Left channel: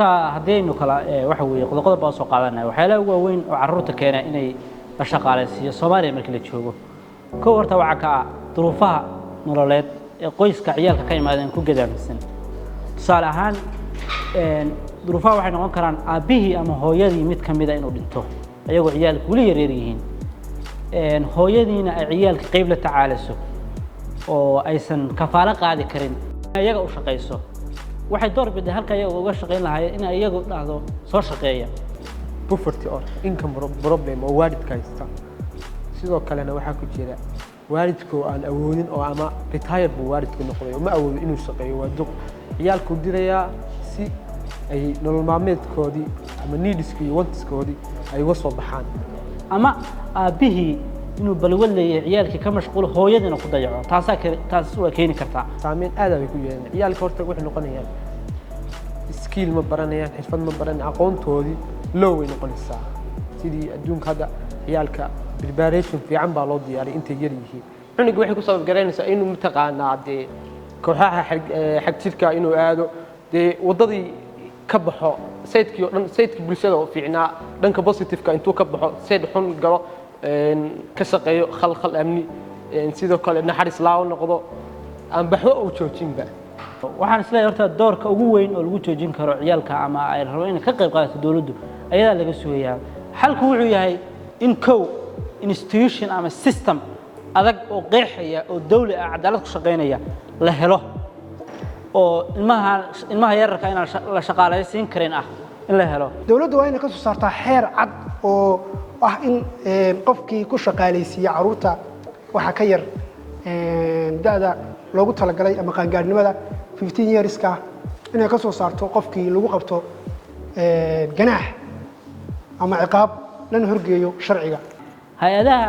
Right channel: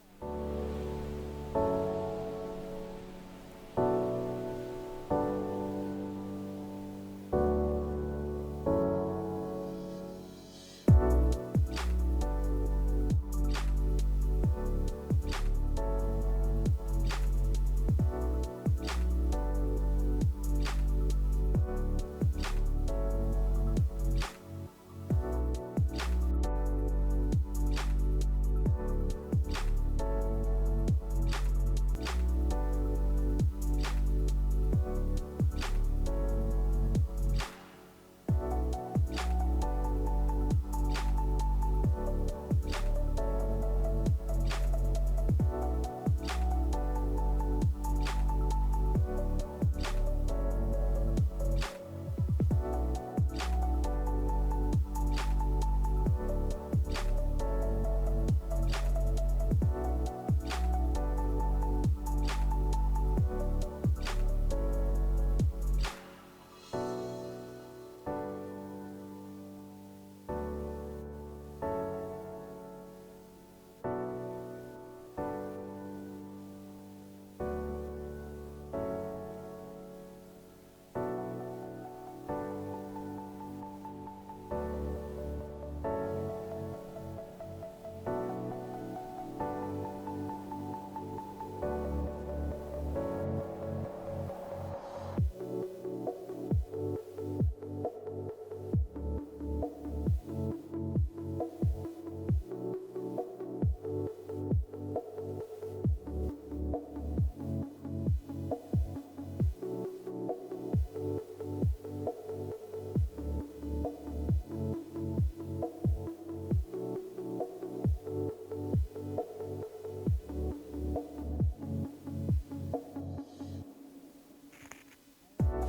horta haddaynu kala waxa weeye qodob baa soo qaadanaya waxyaalaha ugu weyn oo carruurta keena inay la shaqaaleysiiyo Soomaaliya markii la joogo ka horta waxa ka ah duruufaha nololeed ee qoyska ciyaalka ka yimaadeen ku gadaamsan tusaale ahaan duruufaha waxay noqon karaan aabihii ama hooyadii mid ka mid ah inuu dhinto ayagoo ciyaalku wali yaryar yihiin hooyadiina ay ciyaalka qayb la tacaalayso oo aysan kafaalo qaadi karin ayaga u shaqeyso waxay door biday halka ayaga uga shaqeyn lahaayeen in ayagu dhacdo soo shaqeeya poverty or income problem oo waalidka haysta sidoo kalena waxa ku jira waalidku aan awoodin oo ama retired buu waalidku noqday oo ma awoodo inuu shaqeeyo waa duq ciyaalku diraya si ay nolol maalmeedkoodii ama needskii iyo wantskoodii ay uga soo baxaan ama aabihii inuu balwad leeyahay ciyaalkii ka mashquul hooyadina ku dayaco taas waa keeni kartaa saameyn aad ay ku yeelan ciyaalka horta waxay noqonayaan skill ma baranayaan xirfad ma baran aqoontoodii low way noqonaysaa sidii adduunka hadda ciyaalka preparation fiican baa loo diyaariyay intay yar yihiin cunuga waxay ku sabab garanaysaa inuu mataqaanaa dee kooxaha xag jirka inuu aado dee wadadii ka baxo sayidkii oo dhan sayidkii bulshada oo fiicnaa dhanka positive-ka intuu ka baxo sayid xun galo ka shaqeeyo khalkhal amni sidoo kale naxariis laaw noqdo aan baxo oo joojinba waxaan isleeyahay horta doorka ugu weyn oo lagu joojin karo ciyaalka ama ay rabo inay ka qayb qaadato dawladdu ayadaa laga sugayaa xalku wuxuu yahay in institution ama system adag oo qeexaya oo dawli ah cadaalad ku shaqeynaya la helo oo ilmaha yararka inaan la shaqaaleysiin karin ah in la helo dawladdu waa inay ka soo saartaa xeer cad oo ah in qofkii ku shaqaaleysiiya carruurta waxa ka yar da'da loogu talagalay ama qaangaarnimada 15 yearska inay ka soo saarto qofkii lagu qabto ganaax ama ciqaab lana horgeeyo sharciga hay'adaha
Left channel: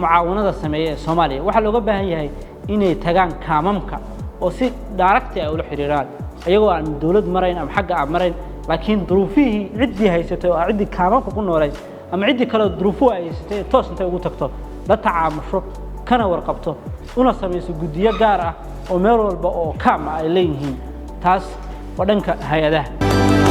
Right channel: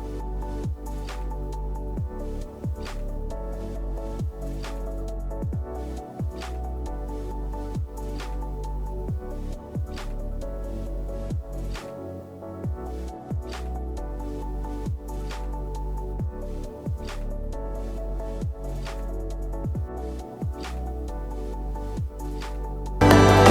mucaawanada sameeya ee Soomaaliya waxa looga baahan yahay inay tagaan kaamamka oo si direct ah ula xiriiraan ayagoo aan dawlad marayn ama xagga aan marayn laakiin duruufihii ciddii haysatay oo ciddii kaamamka ku noolay ama ciddii kale duruufo ay haysatay toos intay ugu tagto la tacaamusho kana warqabto una samayso guddiyo gaar ah oo meel walba oo kaam ay leeyihiin taas waa dhanka hay'adaha